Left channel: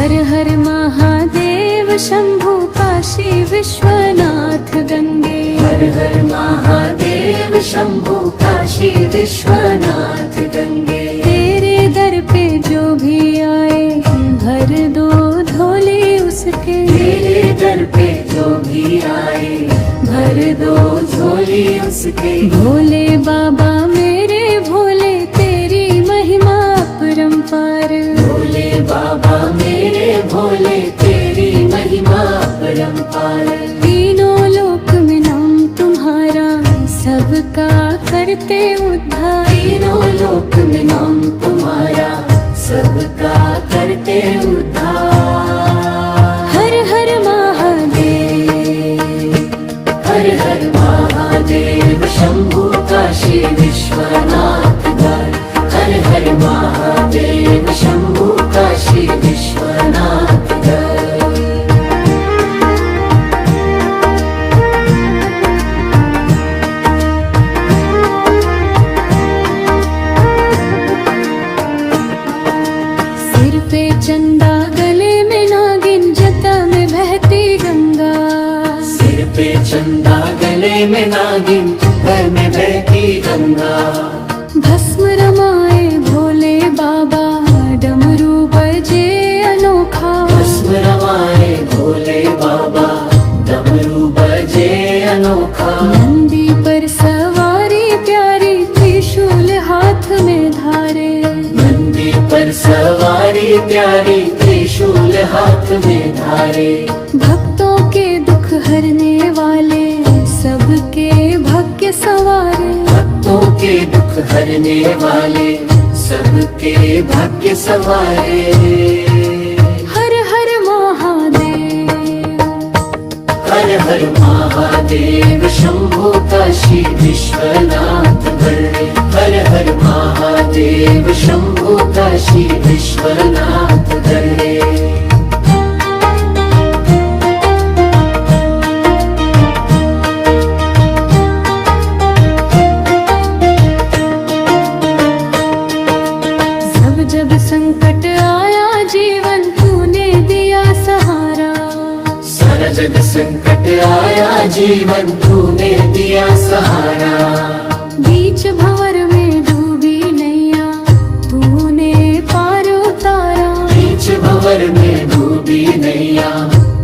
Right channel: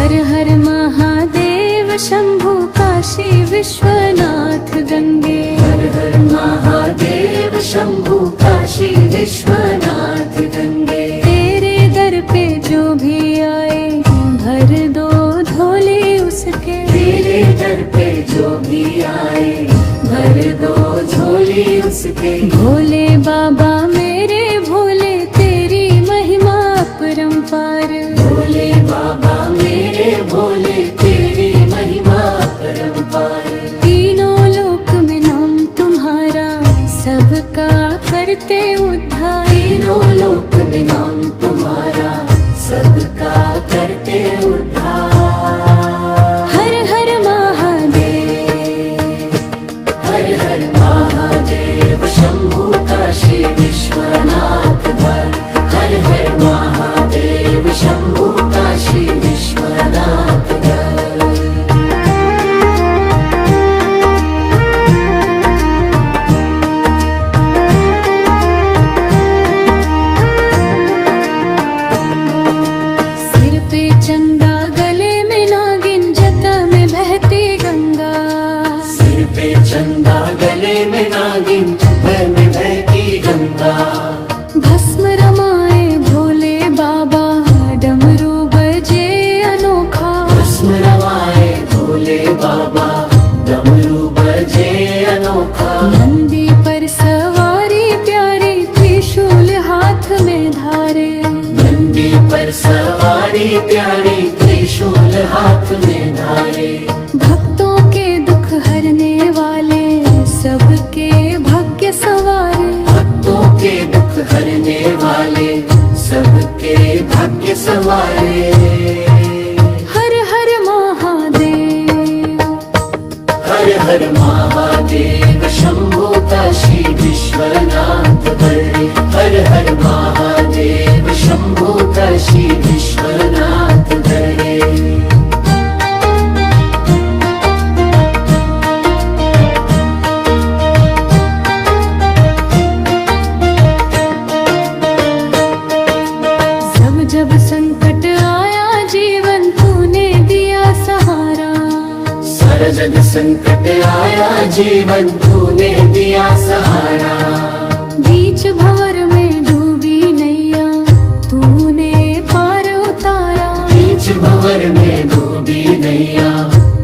हर हर महादेव शंभु काशी विश्वनाथ गंगे। हर हर महादेव शंभु काशी विश्वनाथ गंगे। तेरे दर पे जो भी आए भर दो झोले उसके। तेरे दर पे जो भी आए भर दो झोली उसके। भोले बाबा मेरे भोले तेरी महिमा अपरंपार। भोले बाबा मेरे भोले तेरी महिमा अपरंपार। तीनों लोक में नाम तुम्हारा सबका करते उद्धार। तीनों लोक में नाम तुम्हारा सबका करते उद्धार। हर हर महादेव। हर हर महादेव शंभु काशी विश्वनाथ गंगे। हर हर महादेव शंभु काशी विश्वनाथ गंगे। सिर पे चंदा गले में नागिन जटा में बहती गंगा। सिर पे चंदा गले में नागिन भय में बहती गंगा। भस्म रमाए भोले बाबा डमरू बजे अनोखा। भस्म रमाए भोले बाबा डमरू बजे अनोखा। नंदी पर सवारी प्यारी त्रिशूल हाथ में धारे। नंदी पर सवारी प्यारी त्रिशूल हाथ में धारे। भक्तों के दुख हरने वाले सबके भाग्य सवारे। भक्तों के दुख हरने वाले सबके भाग्य सवारे। हर हर महादेव। हर हर महादेव शंभु काशी विश्वनाथ गंगे। हर हर महादेव शंभु काशी विश्वनाथ गंगे। जब जब संकट आया जीवन तूने दिया सहारा। सारा जग संकट आया जीवन तूने दिया सहारा। बीच भंवर में डूबी नैया तूने पार उतारा। बीच भंवर में डूबी नैया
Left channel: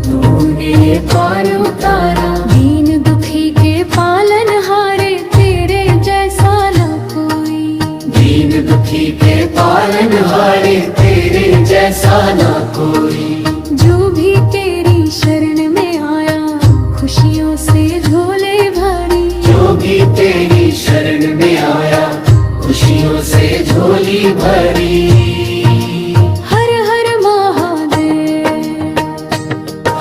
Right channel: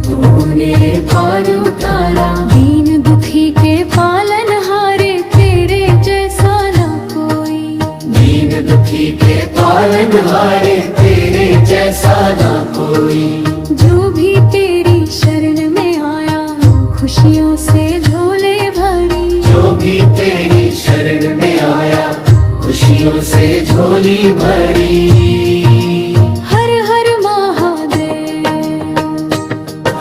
तूने पार उतारा। दीन दुखी के पालन हारे तेरे जैसा न कोई। दीन दुखी के पालन हारे तेरे जैसा ना कोई। जो भी तेरी शरण में आया खुशियों से झोले भरी। जो भी तेरी शरण में आया खुशियों से झोली भरी। हर हर महादेव।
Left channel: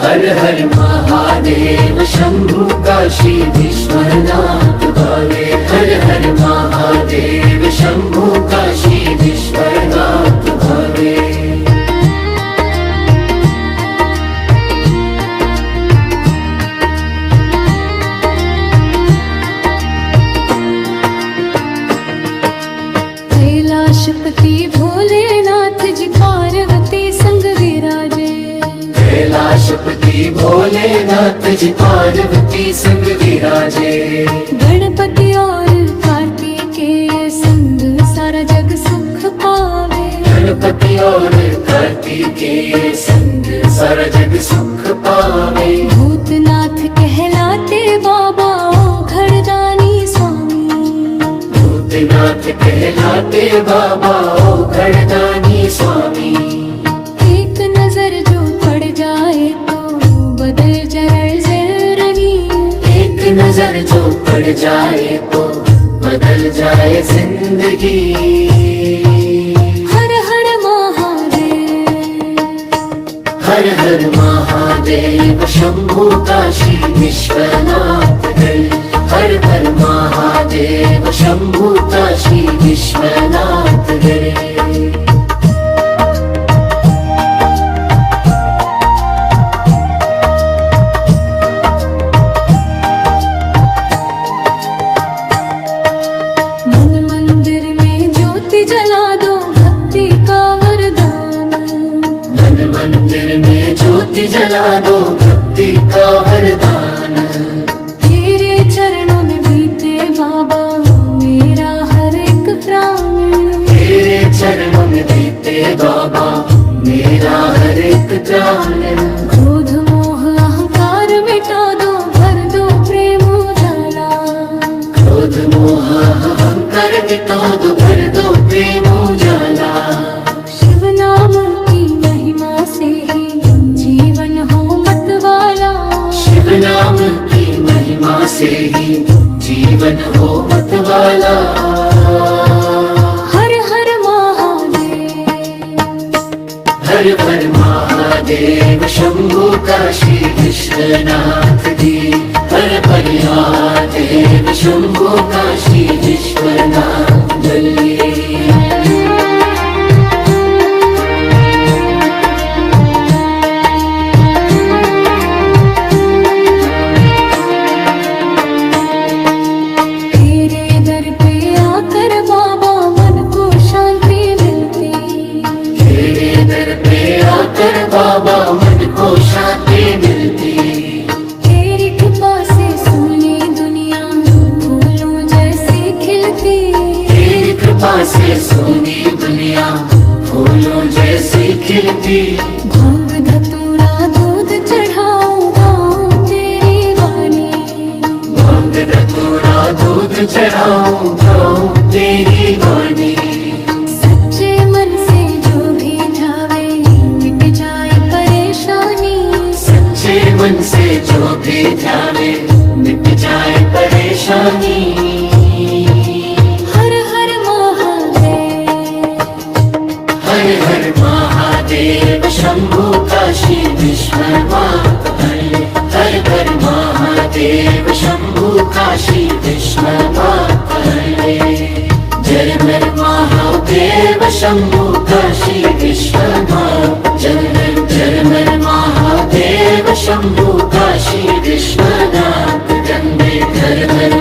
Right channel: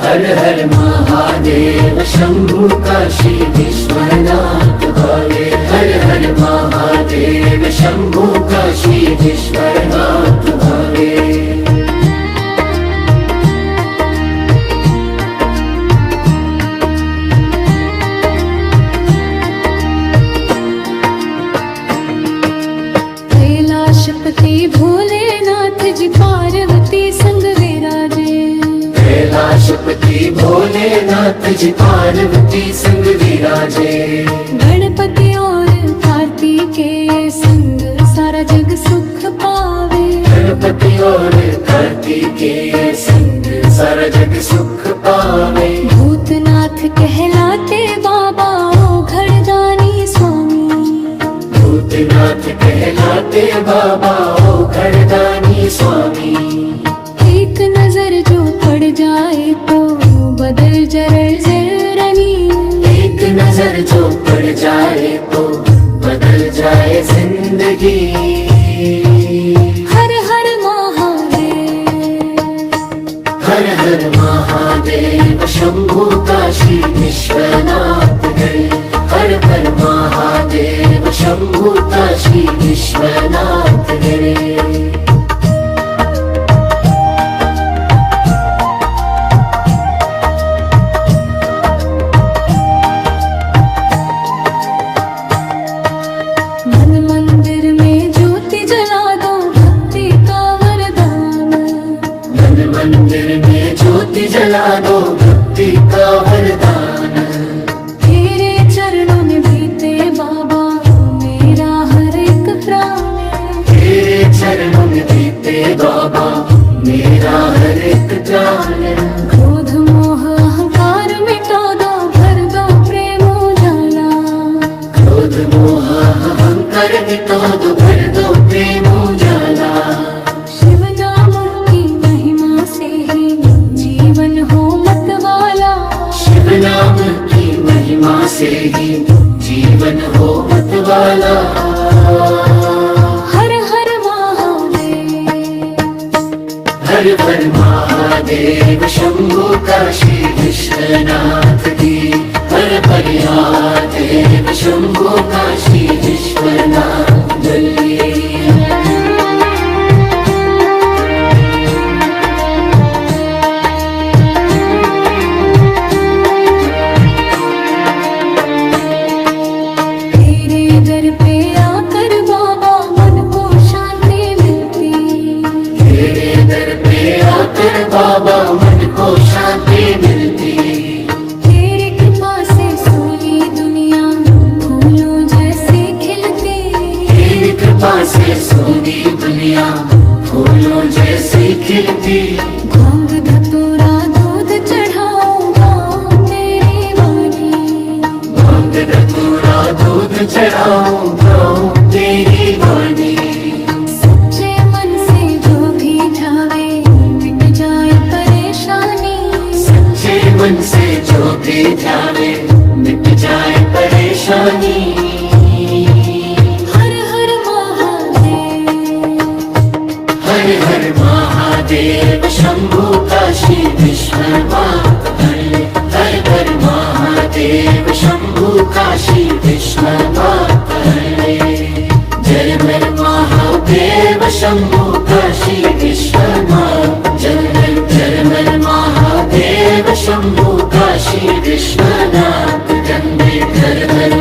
हर हर महादेव शंभु काशी विश्वनाथ गंगे। हर हर महादेव शंभु काशी विश्वनाथ गंगे। कैलाशपति भोलेनाथ जी पार्वती संग विराजे। कैलाशपति भोलेनाथ जी पार्वती संग विराजे। गणपति और कार्तिकेय संग सारा जग सुख पावे। गणपति और कार्तिकेय संग सारा जग सुख पावे। भूतनाथ कहलाते बाबा ओ घड़दानी स्वामी। भूतनाथ कहलाते बाबा ओ घड़दानी स्वामी। एक नजर जो पड़ जाए तो बदल जरनी। एक नजर जो पड़ जाए तो बदल जाए जिंदगी। हर हर महादेव। हर हर महादेव शंभु काशी विश्वनाथ गंगे। हर हर महादेव शंभु काशी विश्वनाथ गंगे। मन मंदिर में ज्योति जला दो भक्ति का वरदान। मन मन मंदिर में ज्योति जला दो, भक्ति का वरदान। तेरे चरणों में बीते बाबा मेरा हर एक प्राण। तेरे चरणों में बीते बाबा मेरा हर एक प्राण। क्रोध मोह अहंकार मिटा दो, भर दो प्रेम उजाला। क्रोध मोह अहंकार मिटा दो, भर दो प्रेम उजाला। शिव नाम की महिमा से ही जीवन हो मतवाला। शिव नाम की महिमा से ही जीवन हो मतवाला। हर हर महादेव, हर हर महादेव, शंभु काशी विश्वनाथ जी। हर हर महादेव, शंभु काशी विश्वनाथ जी। तेरे दर पे आकर बाबा मन को शांति मिलती। तेरे दर पे आकर बाबा मन को शांति मिलती। तेरी कृपा से सुनी दुनिया फूलों जैसी खिलती। तेरी कृपा से सुनी दुनिया फूलों जैसी खिलती। भांग धतूरा दूध चढ़ाऊं गाऊं तेरी वाणी। भांग धतूरा दूध चढ़ाऊं गाऊं तेरी वाणी। सच्चे मन से जो भी ध्यावे मिट जाए परेशानी। सच्चे मन से जो भी जाए मिट जाए परेशानी। हर हर महादेव, हर हर महादेव, शंभु काशी विश्वनाथ धन्य। हर हर महादेव, शंभु काशी विश्वनाथ धन्य। जय हर महादेव, शंभु काशी विश्वनाथ जय। जय हर महादेव, शंभु काशी विश्वनाथ जय। जय हर